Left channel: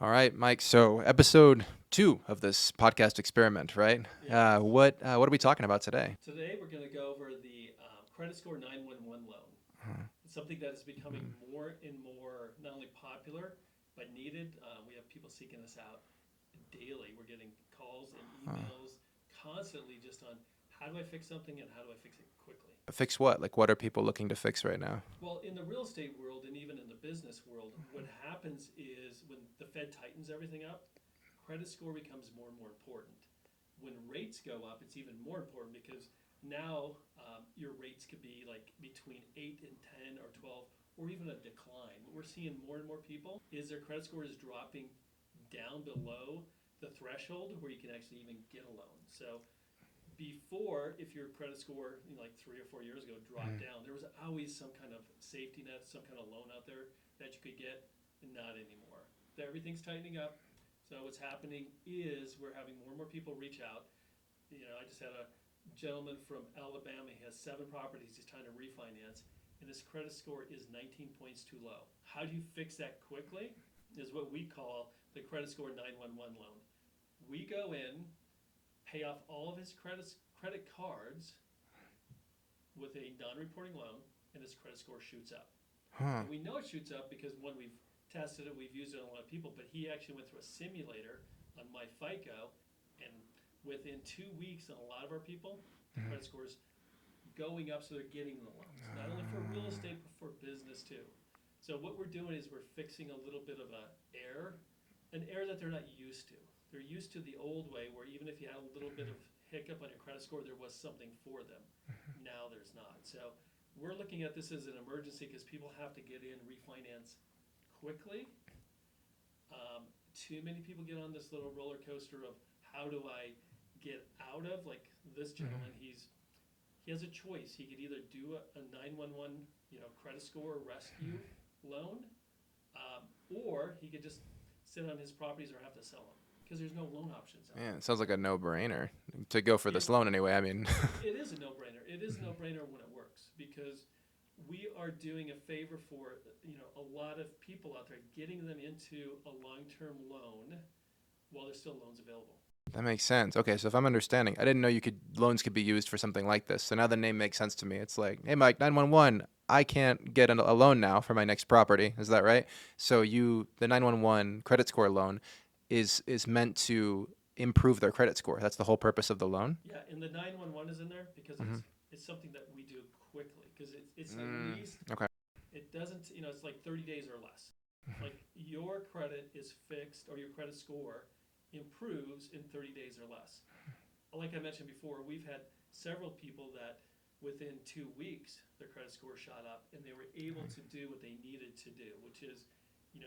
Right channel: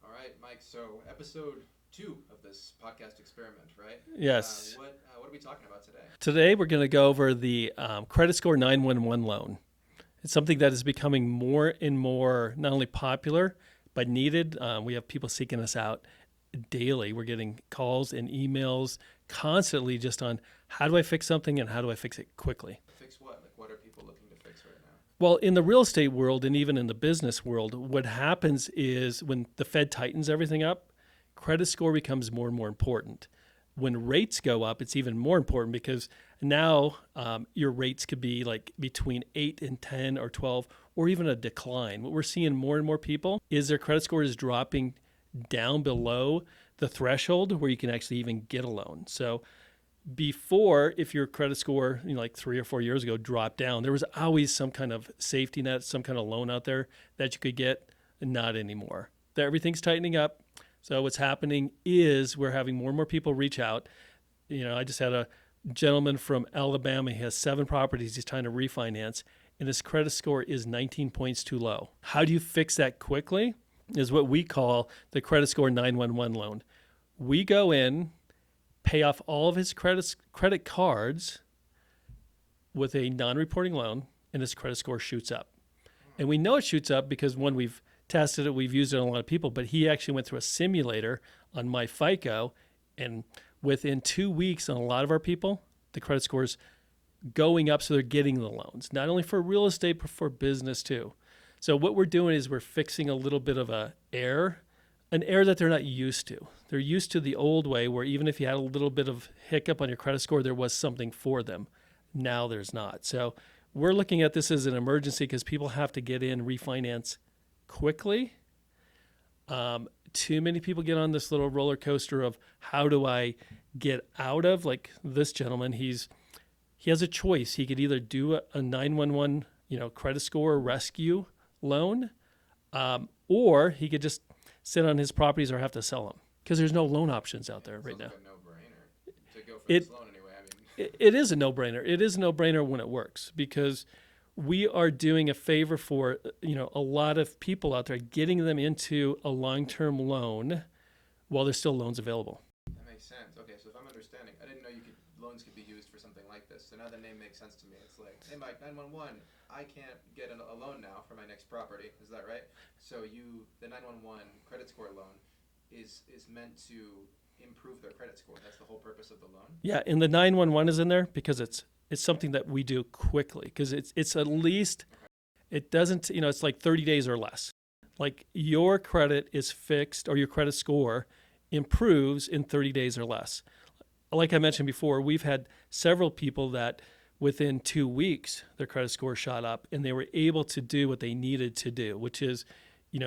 All right, Mike. So episode 2 of this podcast experiment, right? Yes. What are we talking about today? Today we're going to go over the credit score 911 loan. It's something that is becoming more and more not only popular but needed. We have people seeking us out daily. We're getting calls and emails constantly just on how do I fix something and how do I fix it quickly. Fix what? Like, what are people looking to fix right now? Well, in the real estate world and even in the business world, what happens is when the Fed tightens everything up, credit score becomes more and more important. When rates go up, it's even more important because now your rates could be like between 8 and 10 or 12 or even a decline. What we're seeing more and more people is their credit score is dropping down below the threshold where you can actually even get a loan. So before, if your credit score, like 3 or 4 years ago, dropped down, there was always some kind of safety net, some kind of loan out there that you could get. Not anymore. Everything's tightening up. So what's happening is we're having more and more people reach out. I just had a gentleman from Alabama. He has 7 properties he's trying to refinance, and his credit score is 19 points too low. How do you fix that quickly? Is what we call the credit score 911 loan. We go in, pay off all of his credit cards with a non-reporting loan, and his credit score shoots up. And we know it shoots up because when we've tested it, we've used it on a lot of people, but he actually went through a simulator on MyFICO, and within 2 weeks on a lot of our people, the credit score's going up, so they're getting the loans, not only for real estate, but for business too. So what we're doing is we're fixing a little bit of an error that they're not used to. They're used to the old way where even if you had a little bit of hiccup on your credit score, there was something for them. Now there's not. So we're looking at this as an emergency because people have to get in, refinance quickly. Too many people get on this little roller coaster of how do I get out of, like this gentleman, he has a choice. He could either do a 911, credit score rescue loan, or he could just sit on his properties or have to sell them because there's no loan options out there. It sounds right like a no-brainer to go for this loan anyway. I mean, it is a no-brainer. It is a no-brainer when it works because we are doing a favor for a lot of people out there, getting them into a long-term loan while there's still loans available. that makes sense. Okay, so if I'm understanding, I didn't know loans could be used for something like this. So now the name makes sense to me. It's like, hey, Mike, 911. I can't get a loan now for my next property. Is that right? So the 911 credit score loan is meant to improve their credit score. That's the whole purpose of the loan. Yeah, and the 911 is in there because it's something that we do quickly because it's at least Okay. it doesn't it's like 30 days or less. Like your credit is fixed or your credit score improves in 30 days or less. Like I mentioned before, we've had several people that within 2 weeks their credit score shot up and they were able to do what they needed to do, which is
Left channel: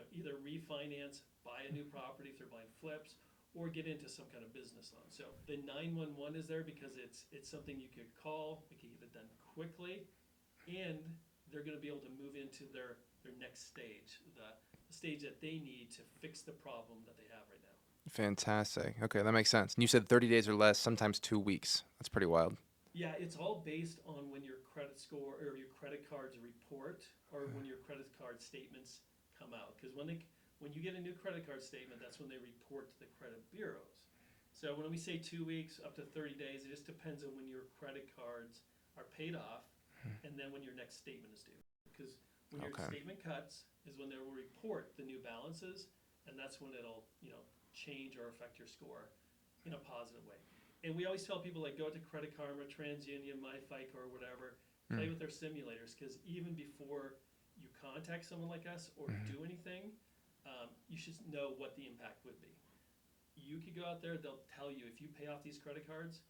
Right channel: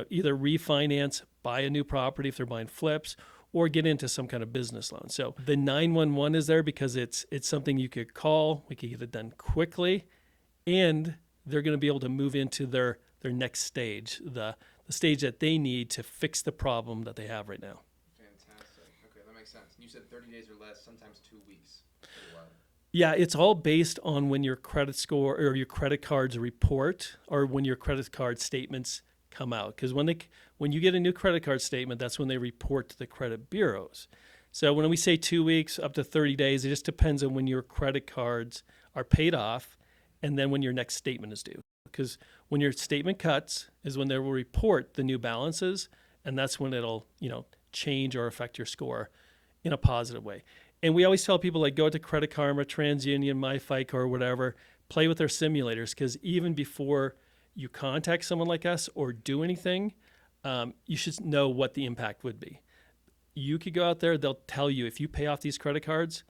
either refinance, buy a new property if they're buying flips, or get into some kind of business loan. So the 911 is there because it's something you could call, we could get it done quickly, and they're going to be able to move into their next stage, the stage that they need to fix the problem that they have right now. Fantastic. Okay, that makes sense. And you said 30 days or less, sometimes 2 weeks. That's pretty wild. Yeah, it's all based on when your credit score or your credit cards report or when your credit card statements come out. Because when you get a new credit card statement, that's when they report to the credit bureaus. So when we say 2 weeks up to 30 days, it just depends on when your credit cards are paid off and then when your next statement is due. Because when your statement cuts is when they will report the new balances, and that's when it'll, change or affect your score in a positive way. And we always tell people like go to Credit Karma, TransUnion, MyFICO, or whatever, play with their simulators because even before you contact someone like us or do anything, you should know what the impact would be. You could go out there, they'll tell you if you pay off these credit cards,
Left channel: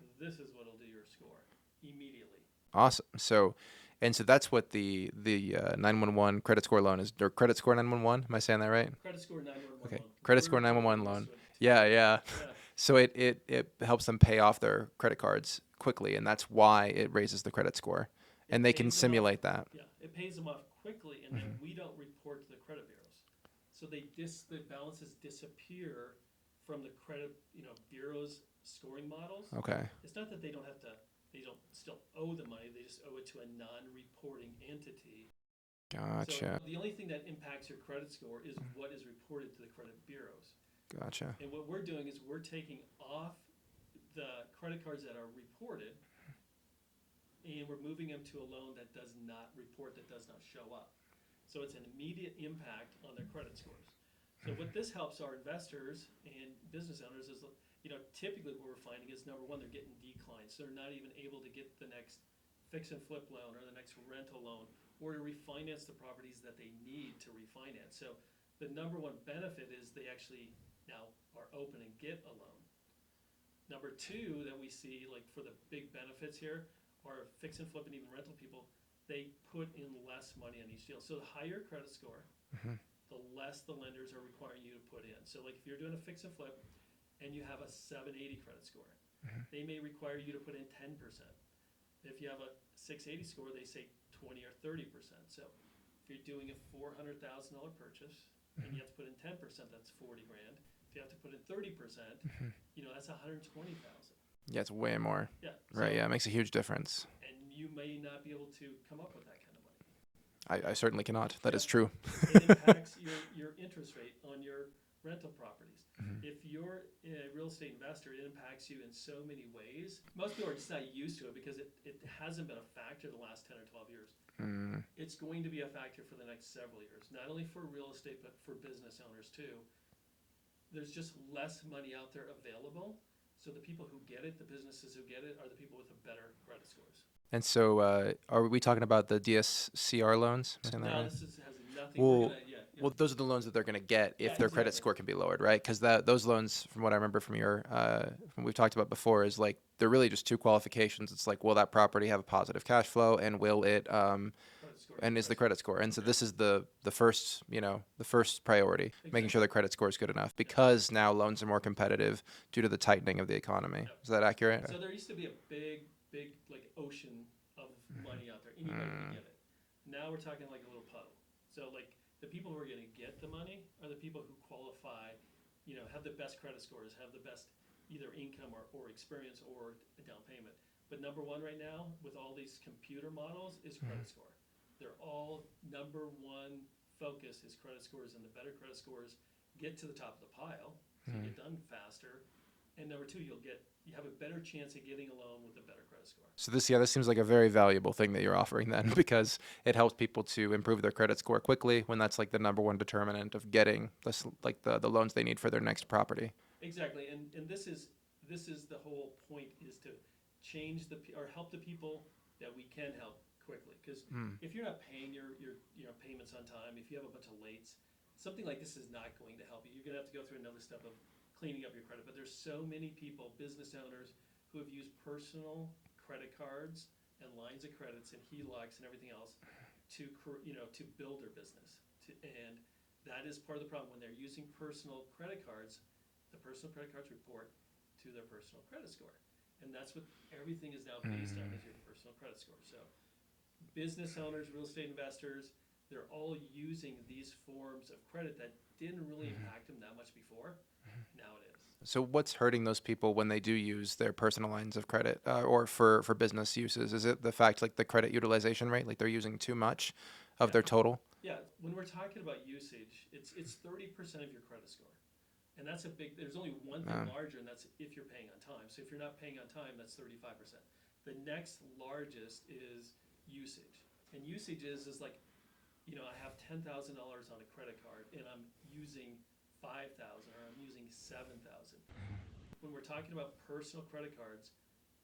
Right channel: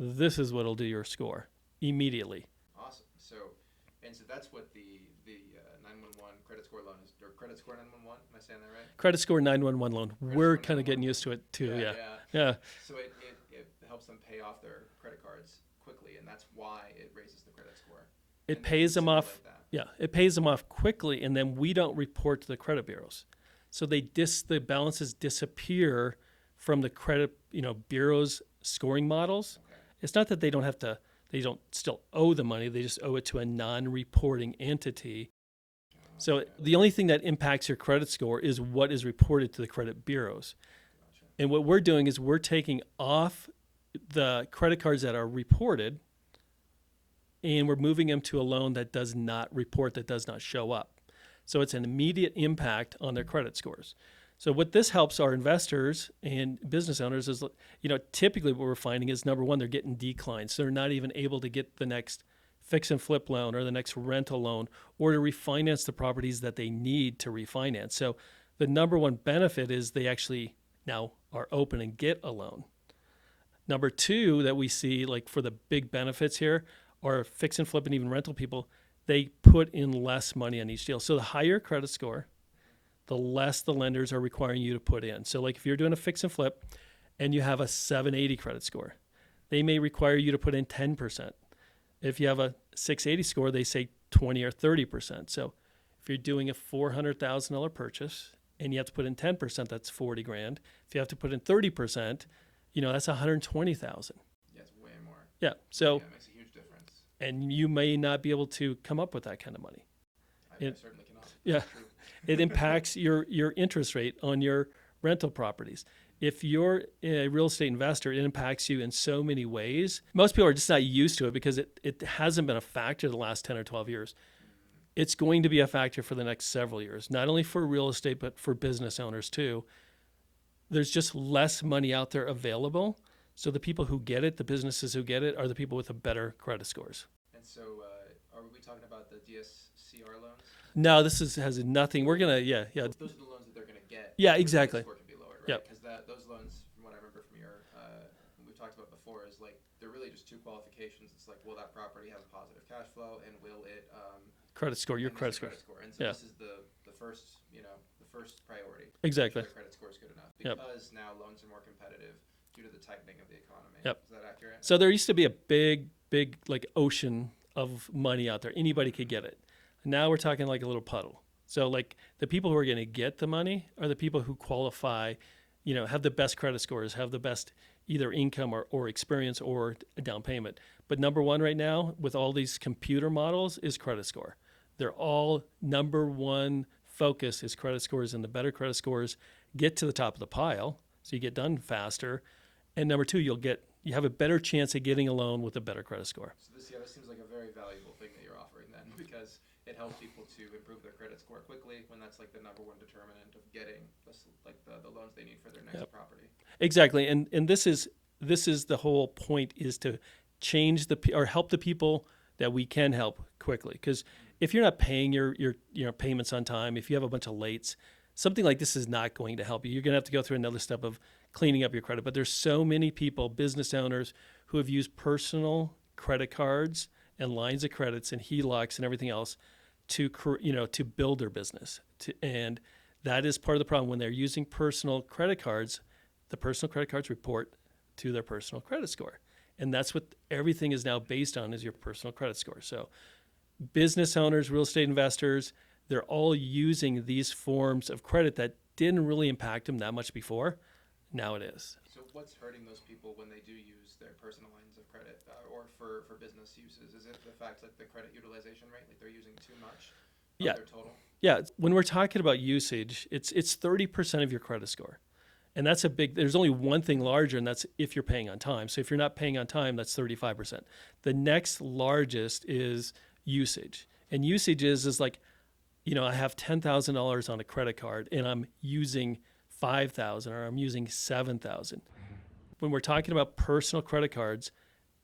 this is what will do your score immediately. Awesome. So that's what the 911 credit score loan is, or credit score 911. Am I saying that right? Credit score 911 loan. Credit We're score kind of 911 getting used to loan. it too. Yeah. Yeah. So it helps them pay off their credit cards quickly, and that's why it raises the credit score. And they can simulate that. Yeah, it pays them off quickly, and then we don't report to the credit bureaus. So the balances disappear from the credit bureaus scoring models. Okay. It's not that they don't still owe the money, they just owe it to a non-reporting entity So Gotcha. the only thing that impacts your credit score is what is reported to the credit bureaus. Gotcha. And what we're doing is we're taking off the credit cards that are reported and we're moving them to a loan that does not report, that does not show up. So it's an immediate impact on their credit scores. So what this helps our investors and business owners is, typically what we're finding is, number one, they're getting declines. So they're not even able to get the next fix and flip loan or the next rental loan or to refinance the properties that they need to refinance. So the number one benefit is they actually now are open and get a loan. Number two that we see, like for the big benefits here, are fix and flip and even rental people, they put in less money on each deal. So the higher credit score, the less the lenders are requiring you to put in. So like if you're doing a fix and flip and you have a 780 credit score, they may require you to put in 10%. If you have a 680 score, they say 20 or 30%. So if you're doing a $400,000 purchase and you have to put in 10%, that's 40 grand. If you have to put in 30%, that's 120,000. Yeah, it's way more. Yeah. Right, So yeah, it makes a huge difference. and you may not be able to come up with that kind of money. I certainly cannot. That is true. It impacts your interest rate on your rental properties. If you're a real estate investor, it impacts you in so many ways. Most people are just not used to it because it hasn't been a factor the last 10 or 12 years. It's going to be a factor for the next several years, not only for real estate, but for business owners too. There's just less money out there available. So the people who get it, the businesses who get it, are the people with the better credit scores. And so, are we talking about the DSCR loans? No, this has nothing. We're Well, gonna, yeah. Well, those are the loans that they're going to get. Yeah, if their exactly. credit score can be lowered, right? Yep. Because those loans, from what I remember from your, from we've talked about before, is like they're really just two qualifications. It's like, will that property have a positive cash flow, and will it, Credit score. and is the credit score? And so this is the first, the first priority, making Exactly. sure the credit score is good enough, because now loans are more competitive due to the tightening of the economy. Yep. Is that accurate? So there used to be a big like ocean of money out there. Anybody could get it. Now we're talking like a little puddle. So like the people who are going to get the money are the people who qualify, have the best credit scores, have the best either income or experience or a down payment. But number one right now with all these computer models is credit score. They're all number one focus is credit scores, and the better credit scores get to the top of the pile. So you get done faster. And number two, you have a better chance of getting a loan with a better credit score. So this seems like a very valuable thing that you're offering then, because it helps people to improve their credit score quickly when that's like the number one determinant of getting the loans they need for their next property. Exactly, and this is the whole point, is to change or help the people that we can help quickly. Because if you're not paying your payments on time, if you have a bunch of lates, something like this is not going to help you. You're going to have to go through another step of cleaning up your credit. But there's so many people, business owners, who have used personal credit cards and lines of credits and HELOCs and everything else to build their business. And that is part of the problem. When they're using personal credit cards, the personal credit cards report to their personal credit score. And that's what everything is now based on, is your personal credit score. So business owners, real estate investors, they're all using these forms of credit that didn't really impact them that much before. Now it is. So what's hurting those people when they do use their personal lines of credit or for business uses? Is it the fact, like the credit utilization rate, like they're using too much of their total? Yeah. When we're talking about usage, it's 30% of your credit score. And that's there's only one thing larger, and that's if you're paying on time. So if you're not paying on time, that's 35%. The next largest is usage. And usage is like, I have $10,000 on a credit card and I'm using $5,000 or I'm using $7,000. When we're talking about personal credit cards,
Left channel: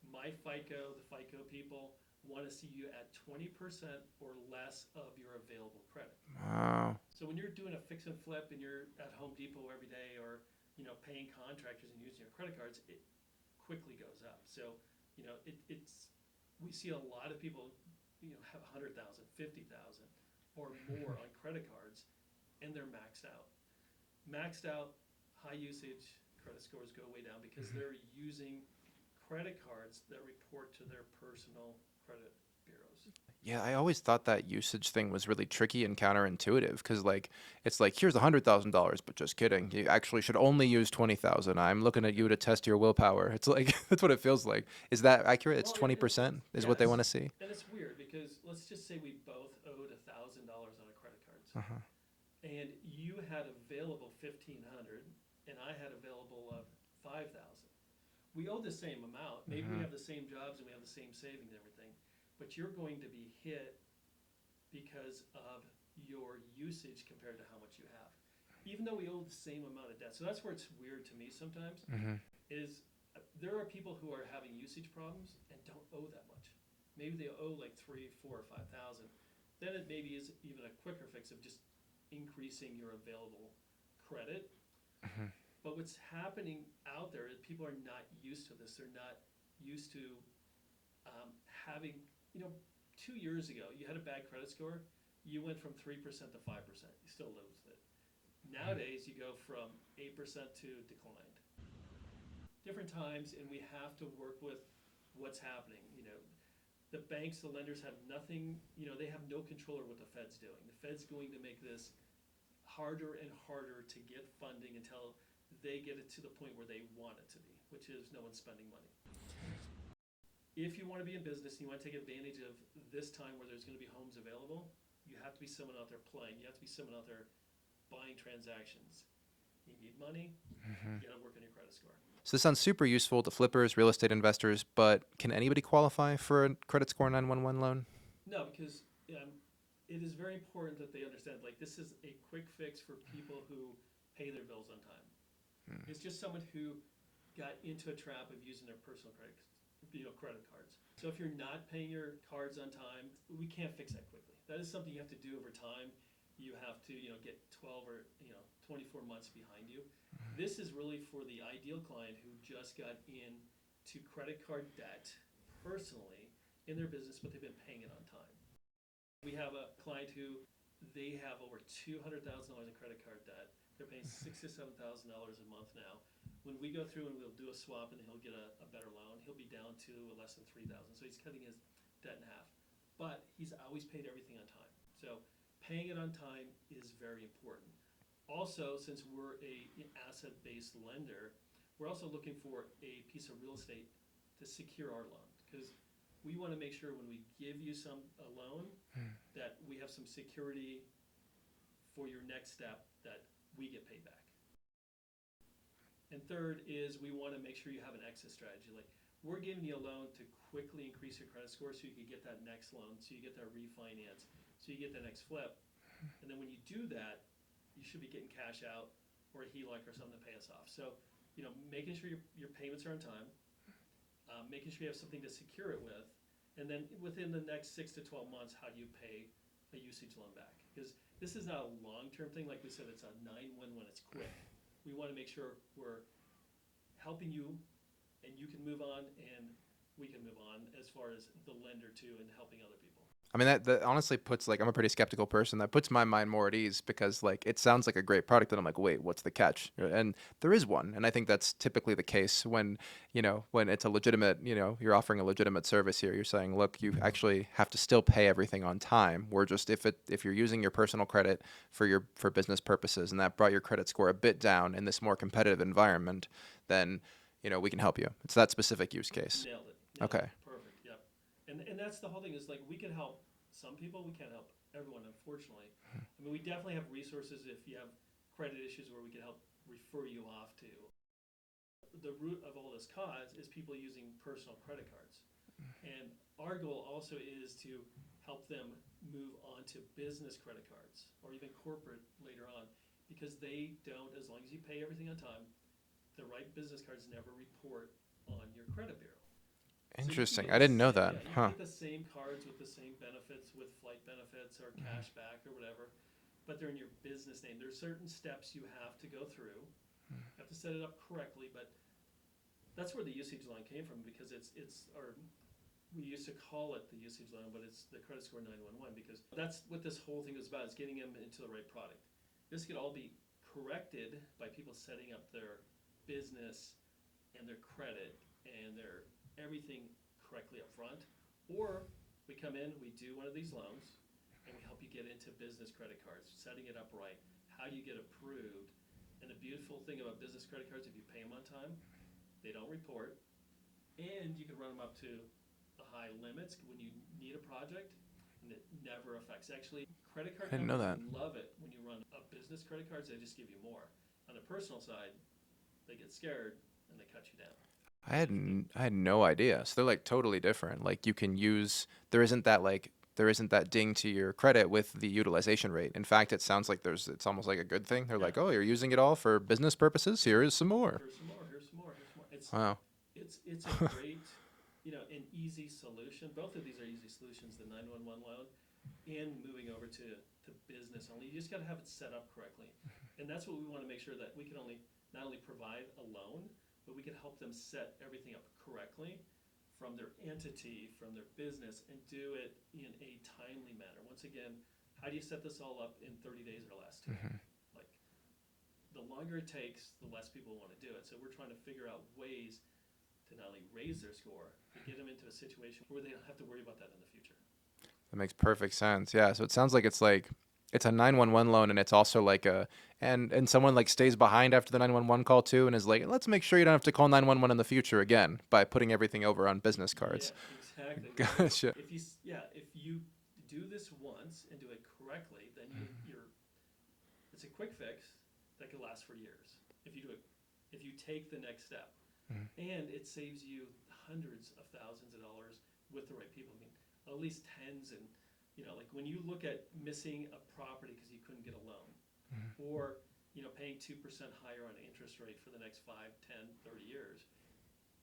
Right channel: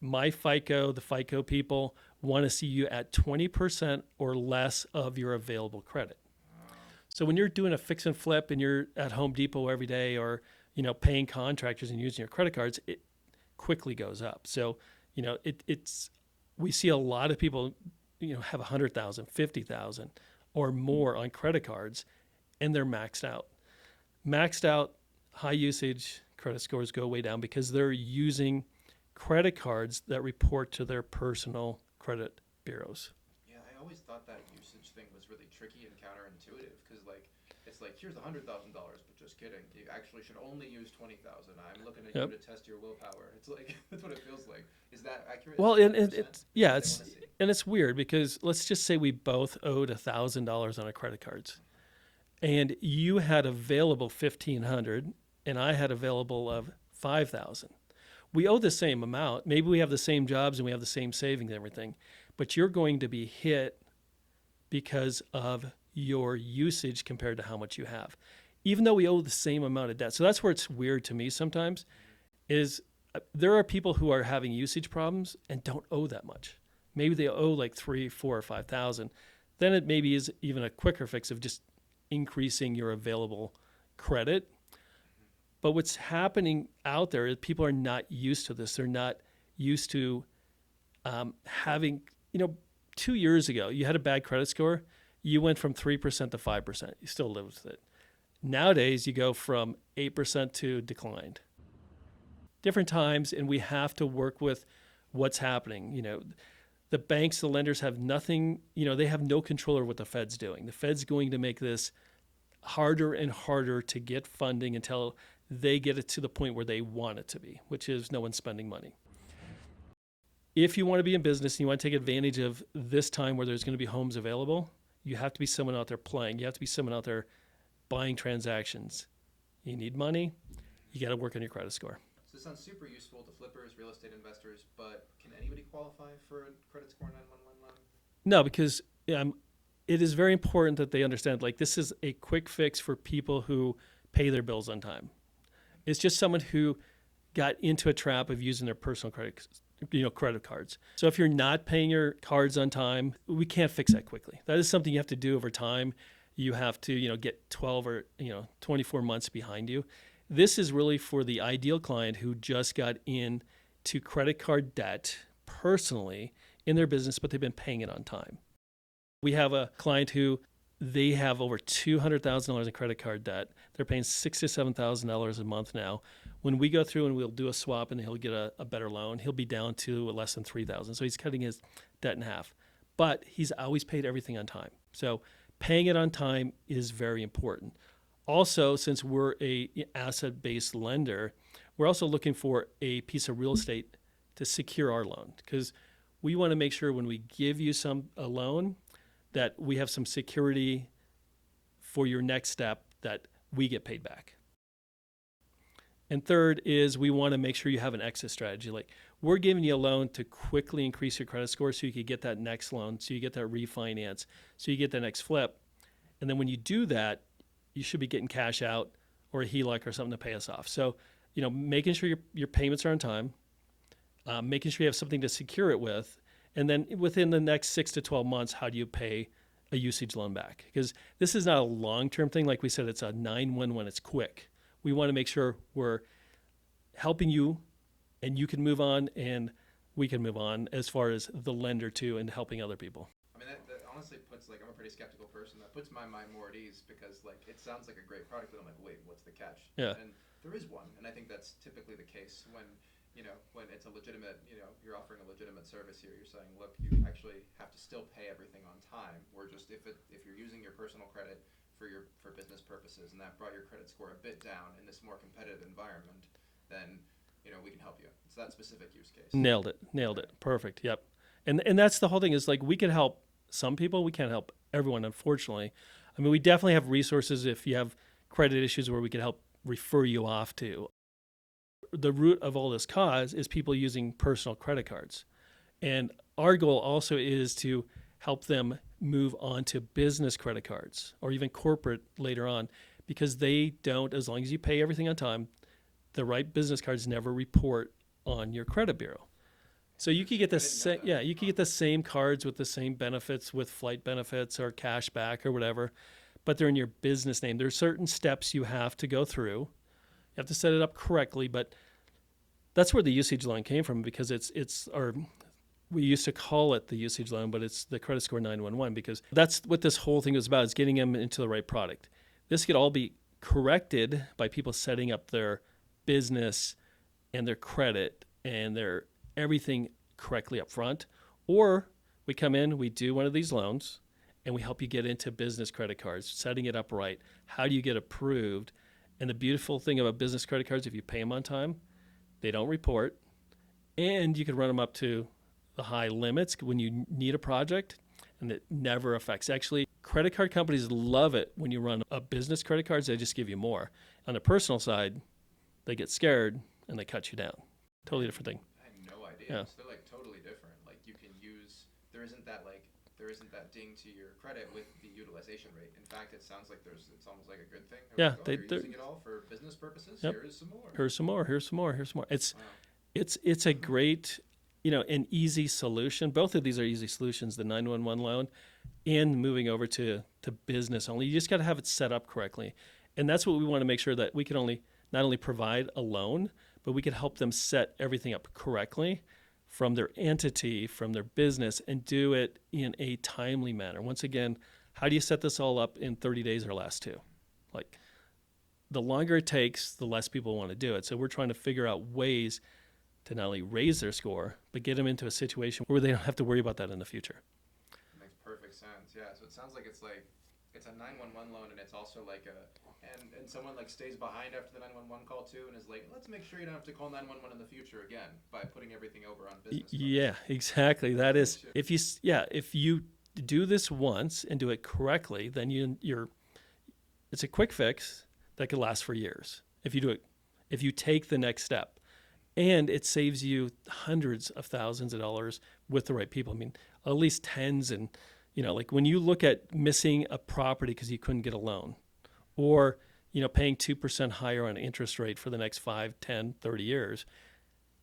the FICO people want to see you at 20% or less of your available credit. Wow. So when you're doing a fix and flip and you're at Home Depot every day, or paying contractors and using your credit cards, it quickly goes up. So we see a lot of people have 100,000, 50,000 or more on credit cards, and they're maxed out. Maxed out, high usage credit scores go way down because they're using credit cards that report to their personal credit bureaus. Yeah, I always thought that usage thing was really tricky and counterintuitive because, like, it's like here's $100,000, but just kidding. You actually should only use 20,000. I'm looking at you Yep. to test your willpower. It's like that's what it feels like. Is that accurate? It's Well, 20% is yeah, what they want to see. and it's weird because let's just say we both owed $1,000 on our credit cards, Uh-huh. and you had available 1,500, and I had available of 5,000. We owe the same amount. Maybe we have the same jobs and we have the same savings and everything, but you're going to be hit because of your usage compared to how much you have, even though we owe the same amount of debt. So that's where it's weird to me sometimes. Is there are people who are having usage problems and don't owe that much. Maybe they owe like 3, 4, or 5,000. Then it maybe is even a quicker fix of just increasing your available credit. But what's happening out there is people are not used to this. They're not used to having, 2 years ago, you had a bad credit score, you went from 3% to 5%. You still live with it. Nowadays, you go from 8% to declined. Different times, and we have to work with what's happening. The banks, the lenders have nothing, they have no control over what the Fed's doing. The Fed's going to make this harder and harder to get funding until they get it to the point where they want it to be, which is no one's spending money. If you want to be in business and you want to take advantage of this time where there's going to be homes available, you have to be someone out there playing. You have to be someone out there buying transactions. You need money. You got to work on your credit score. So this sounds super useful to flippers, real estate investors, but can anybody qualify for a credit score 911 loan? No, because it is very important that they understand, like, this is a quick fix for people who pay their bills on time. It's just someone who got into a trap of using their personal credit cards. So if you're not paying your cards on time, we can't fix that quickly. That is something you have to do over time. You have to, get 12 or 24 months behind you. This is really for the ideal client who just got into credit card debt personally in their business, but they've been paying it on time. We have a client who they have over $200,000 in credit card debt. They're paying $6,000 to $7,000 a month now. When we go through and we'll do a swap and he'll get a better loan, he'll be down to less than $3,000. So he's cutting his debt in half. But he's always paid everything on time. So paying it on time is very important. Also, since we're a asset-based lender, we're also looking for a piece of real estate to secure our loan, because we want to make sure when we give you a loan that we have some security for your next step that we get paid back. And third is we want to make sure you have an exit strategy. Like, we're giving you a loan to quickly increase your credit score so you could get that next loan, so you get that refinance, so you get that next flip. And then when you do that, you should be getting cash out or a HELOC or something to pay us off. So, making sure your payments are on time, making sure you have something to secure it with, and then within the next 6 to 12 months, how do you pay a usage loan back? Because this is not a long-term thing. Like we said, it's a 911. It's quick. We want to make sure we're helping you and you can move on and we can move on as far as the lender too and helping other people. I mean, that honestly puts, like, I'm a pretty skeptical person. That puts my mind more at ease because, like, it sounds like a great product. And I'm like, wait, what's the catch? Yeah. And there is one. And I think that's typically the case when it's a legitimate, you're offering a legitimate service here. You're saying, look, you actually have to still pay everything on time. We're just, if you're using your personal credit for business purposes and that brought your credit score a bit down in this more competitive environment, then, we can help you. It's that specific use case. Nailed it. Perfect. Yep. And that's the whole thing is, like, we can help some people. We can't help everyone, unfortunately. I mean, we definitely have resources if you have credit issues where we can help refer you off to. The root of all this cause is people using personal credit cards. And our goal also is to help them move on to business credit cards or even corporate later on, because they don't, as long as you pay everything on time, the right business cards never report on your credit bureau. So you can get the I didn't know that. Yeah, you can get the same cards with the same benefits, with flight benefits or cash back or whatever, but they're in your business name. There's certain steps you have to go through. You have to set it up correctly, but that's where the usage loan came from, because we used to call it the usage loan, but it's the credit score 911, because that's what this whole thing is about, is getting them into the right product. This could all be corrected by people setting up their business and their credit and their everything correctly up front, or We come in, we do one of these loans, and we help you get into business credit cards, setting it up right. How do you get approved? And the beautiful thing about business credit cards, if you pay them on time, they don't report, and you can run them up to the high limits when you need a project, and it never affects. Actually, credit card I didn't know companies that. love it when you run a business credit cards. They just give you more. On the personal side, they get scared and they cut you down. Totally different thing. I had no idea. Yeah. So they're like totally different. Like you can use there isn't that ding to your credit with the utilization rate. In fact, it sounds like it's almost like a good thing. They're Yeah, like, oh, you're they- using it all for business purposes. Yep. Here is some more. Here's some more. Here's some more. Here's some more. Wow. It's a great, an easy solution. Both of these are easy solutions, the 911 loan and moving over to business only. You just got to have it set up correctly. And that's what we want to make sure that we can not only provide a loan, but we can help them set everything up correctly from their entity, from their business, and do it in a timely manner. Once again, how do you set this all up in 30 days or less too? Like the longer it takes, the less people want to do it. So we're trying to figure out ways to not only raise their score, but get them into a situation where they don't have to worry about that in the future. That makes perfect sense. Yeah. So it sounds like it's a 911 loan, and it's also like and someone like stays behind after the 911 call too, and is like, let's make sure you don't have to call 911 in the future again by putting everything over on business cards. Yeah, exactly. That is Gotcha. if you do this once and do it correctly, then you're it's a quick fix that could last for years if you take the next step. And it saves you hundreds of thousands of dollars with the right people. I mean, at least tens. And, like when you look at missing a property because you couldn't get a loan or, paying 2% higher on interest rate for the next 5, 10, 30 years,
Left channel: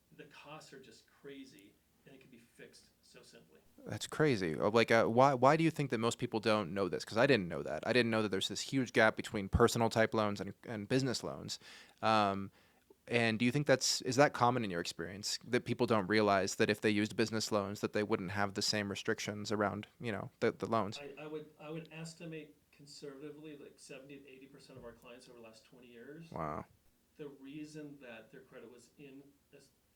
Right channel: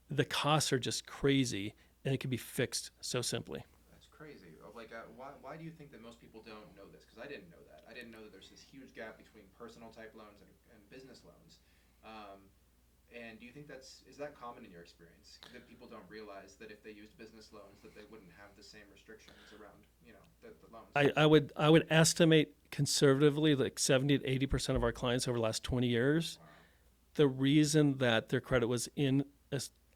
the costs are just crazy and it can be fixed so simply. That's crazy. Like, why do you think that most people don't know this? Because I didn't know that. I didn't know that there's this huge gap between personal type loans and business loans. And do you think is that common in your experience, that people don't realize that if they used business loans that they wouldn't have the same restrictions around, the loans? I would estimate conservatively like 70 to 80% of our clients over the last 20 years, Wow. the reason that their credit was in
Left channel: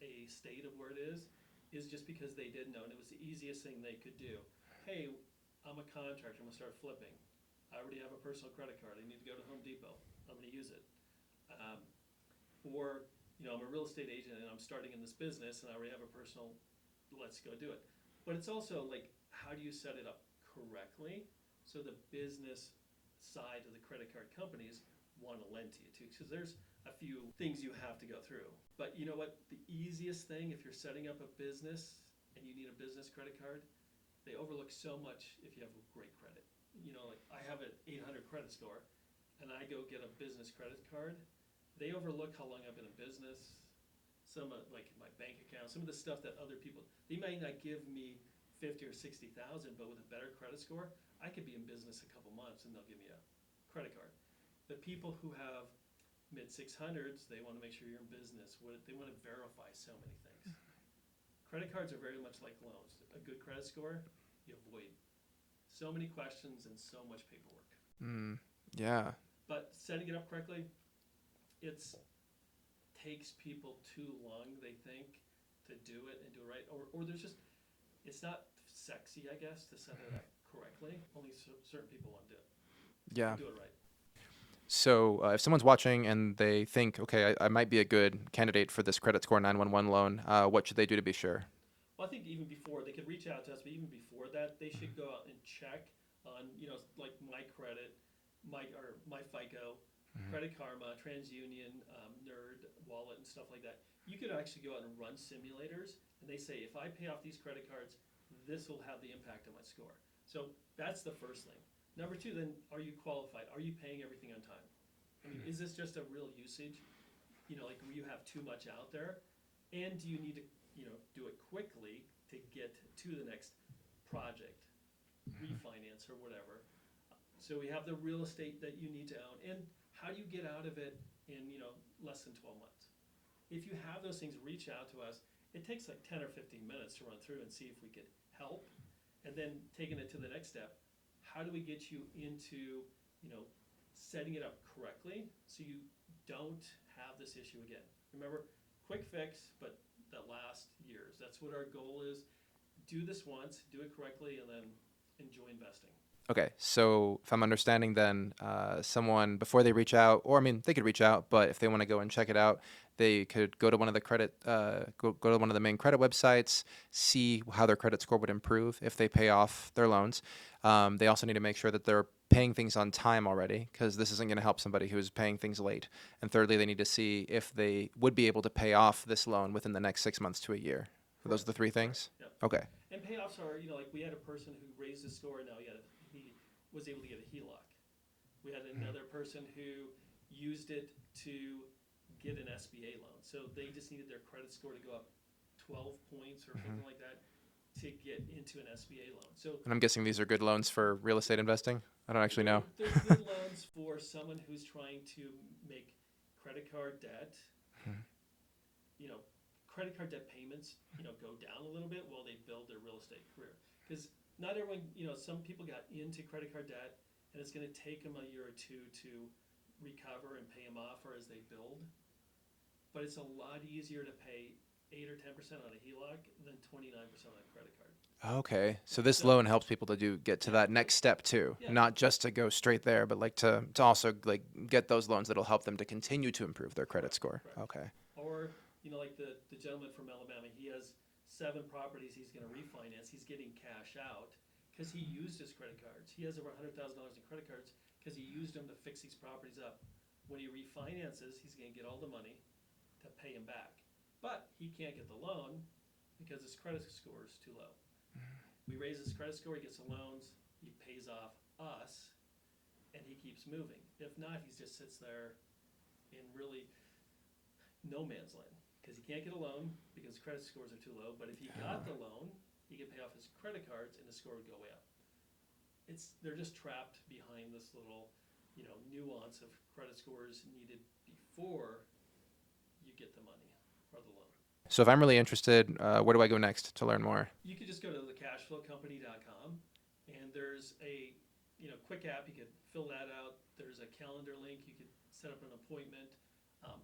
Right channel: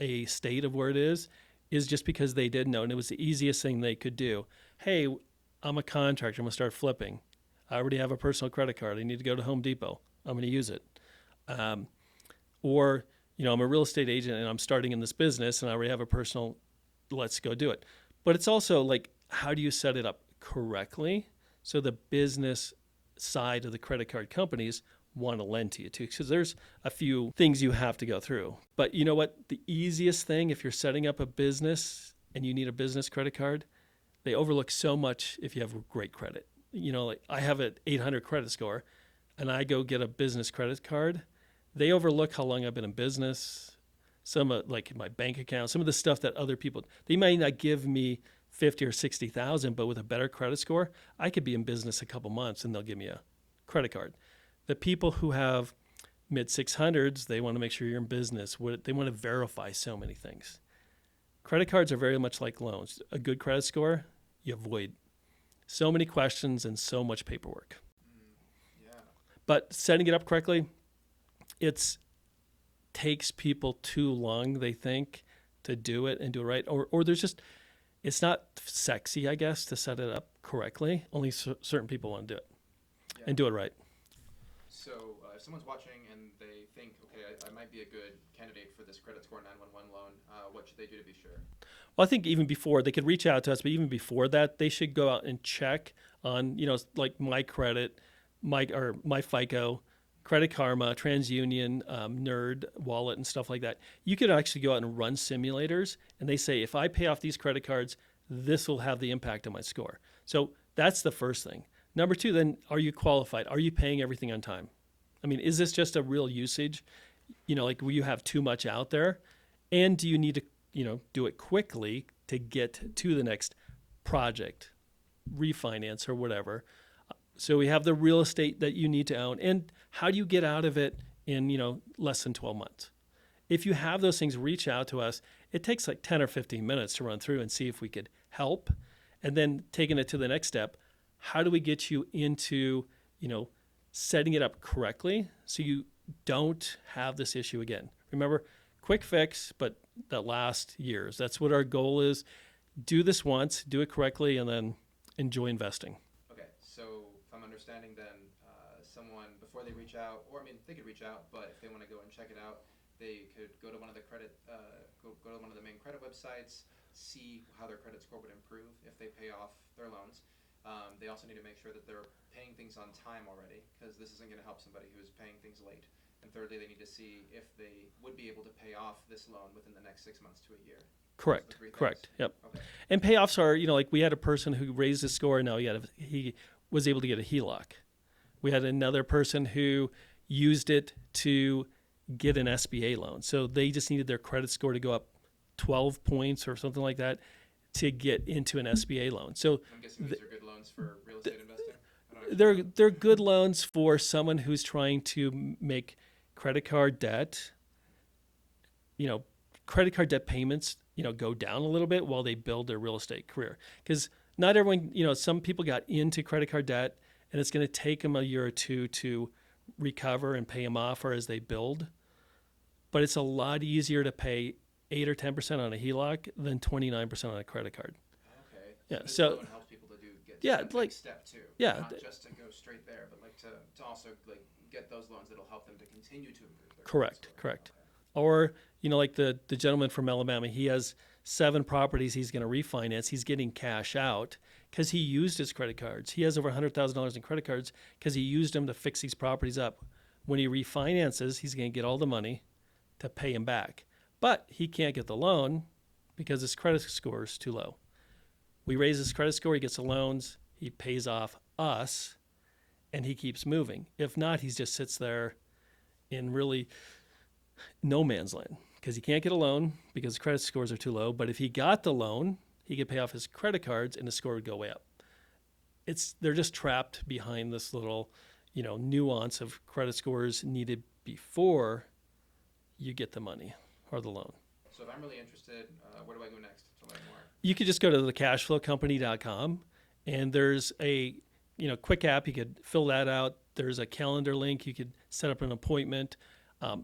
a state of where it is just because they didn't know, and it was the easiest thing they could do. Hey, I'm a contractor. I'm going to start flipping. I already have a personal credit card. I need to go to Home Depot. I'm going to use it. Or, I'm a real estate agent and I'm starting in this business and I already have a personal, let's go do it. But it's also like, how do you set it up correctly so the business side of the credit card companies want to lend to you too? Because there's a few things you have to go through. But you know what? The easiest thing, if you're setting up a business and you need a business credit card, they overlook so much if you have great credit. Like I have an 800 credit score and I go get a business credit card. They overlook how long I've been in business, some like my bank account, some of the stuff that other people, they might not give me 50 or 60,000, but with a better credit score, I could be in business a couple months and they'll give me a credit card. The people who have mid 600s, they want to make sure you're in business. They want to verify so many things. Credit cards are very much like loans. A good credit score, you avoid so many questions and so much paperwork. Yeah. But setting it up correctly, it takes people too long, they think, to do it and do it right. Or there's just, it's not sexy, I guess, to set it up correctly. Only certain people want to do it Yeah. and do it right. So if someone's watching and they think, okay, I might be a good candidate for this credit score 911 loan, what should they do to be sure? Well, I think even before, they could reach out to us, but even before that, they should go out and check on, like my credit, my FICO, Credit Karma, TransUnion, Nerd Wallet, and stuff like that. You could actually go out and run simulators, and they say, if I pay off these credit cards, this will have the impact on my score. So that's the first thing. Number two, then, are you qualified? Are you paying everything on time? I mean, is this just a real usage? Like will you have too much out there? And do you need to, do it quickly to get to the next project, refinance, or whatever? So we have the real estate that you need to own. And how do you get out of it in, less than 12 months? If you have those things, reach out to us. It takes like 10 or 15 minutes to run through and see if we could help. And then taking it to the next step, how do we get you into, setting it up correctly so you don't have this issue again? Remember, quick fix, but that lasts years. That's what our goal is. do this once, do it correctly, and then enjoy investing. Okay, so if I'm understanding, then someone before they reach out, or I mean, they could reach out, but if they want to go and check it out, they could go to one of the go to one of the main credit websites, see how their credit score would improve if they pay off their loans. They also need to make sure that they're paying things on time already, because this isn't going to help somebody who's paying things late. And thirdly, they need to see if they would be able to pay off this loan within the next 6 months to a year. Correct. Those are the three things. Correct. Yep. Okay. And payoffs are, like we had a person who raised his score, and now he was able to get a HELOC. We had another person who used it to get an SBA loan. So they just needed their credit score to go up 12 points or something like that to get into an SBA loan. So And I'm guessing these are good loans for real estate investing. I don't actually know. they're good loans for someone who's trying to make credit card debt, credit card debt payments, go down a little bit while they build their real estate career. Because not everyone, some people got into credit card debt, and it's going to take them a year or two to recover and pay them off or as they build. But it's a lot easier to pay 8 or 10% on a HELOC than 29% on a credit card. Okay, so Yeah, this so- loan helps people to get to Yeah, that next step too. yeah, Not just to go straight there, but like to also like get those loans that'll help them to continue to improve their credit Correct, score. correct. Okay. Or, like the gentleman from Alabama, he has 7 properties he's going to refinance. He's getting cash out because he used his credit cards. He has over $100,000 in credit cards because he used them to fix these properties up. When he refinances, he's going to get all the money to pay him back. But he can't get the loan because his credit score is too low. We raise his credit score, he gets the loans, he pays off us, and he keeps moving. If not, he just sits there in really no man's land because he can't get a loan because his credit scores are too low. But if he got the loan, he could pay off his credit cards and the score would go way up. They're just trapped behind this little, nuance of credit scores needed before you get the money or the loan. So if I'm really interested, where do I go next to learn more? You could just go to thecashflowcompany.com, and there's a quick app. You could fill that out. There's a calendar link. You could set up an appointment.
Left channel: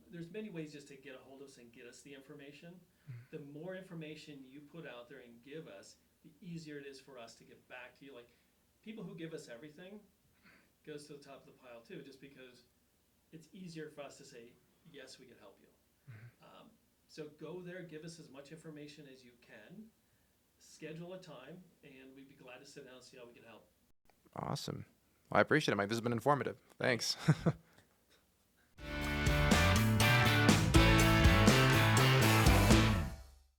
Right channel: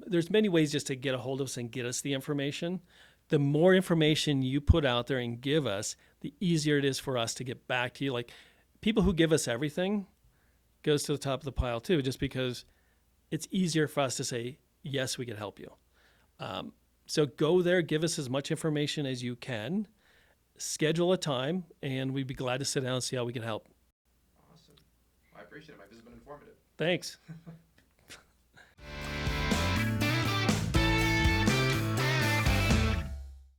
There's many ways just to get a hold of us and get us the information. The more information you put out there and give us, the easier it is for us to get back to you. Like people who give us everything goes to the top of the pile too, just because it's easier for us to say, yes, we can help you. So go there, give us as much information as you can, schedule a time, and we'd be glad to sit down and see how we can help. Awesome. Well, I appreciate it, Mike. This has been informative. Thanks.